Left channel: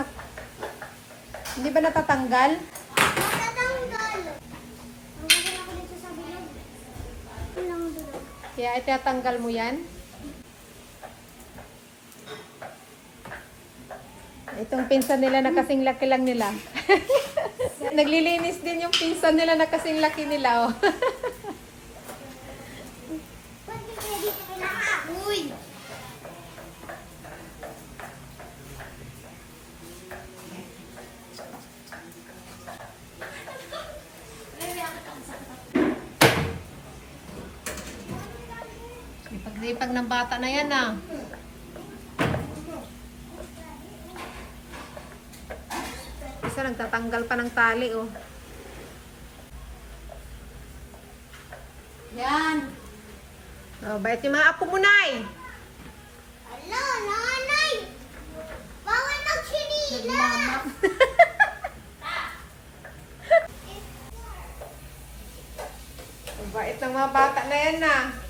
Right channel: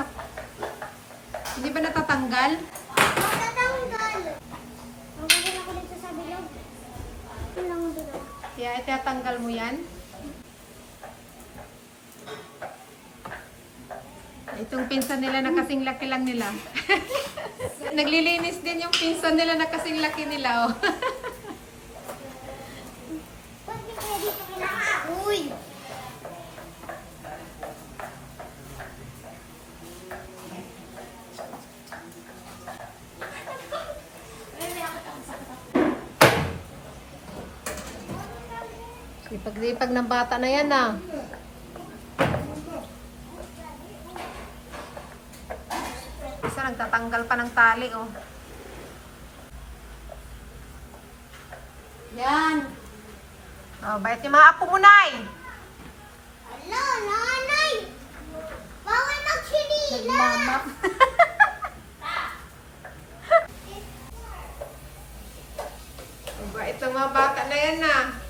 anak. Hindi ba natatanggal? Matatanggal. Magiging ako dito sa bilog. Ito lang ang bilog. Kaya itatanggal mo yan. Itong pinsan nila na kasing laki lang nila. Naglilinis din yung pinsan nila na kasing laki nila. Oh. Pwede kaya dito kailangan. Uy! Ipag-ipag ng bata na yan ah. Isa nagtatanggal pa ng tali oh. Yan. Oh, bait yung mga apo mo, Nay. Ala, nanay! Bawal magsinila! Mama. Bait ng mga bata na yan ah.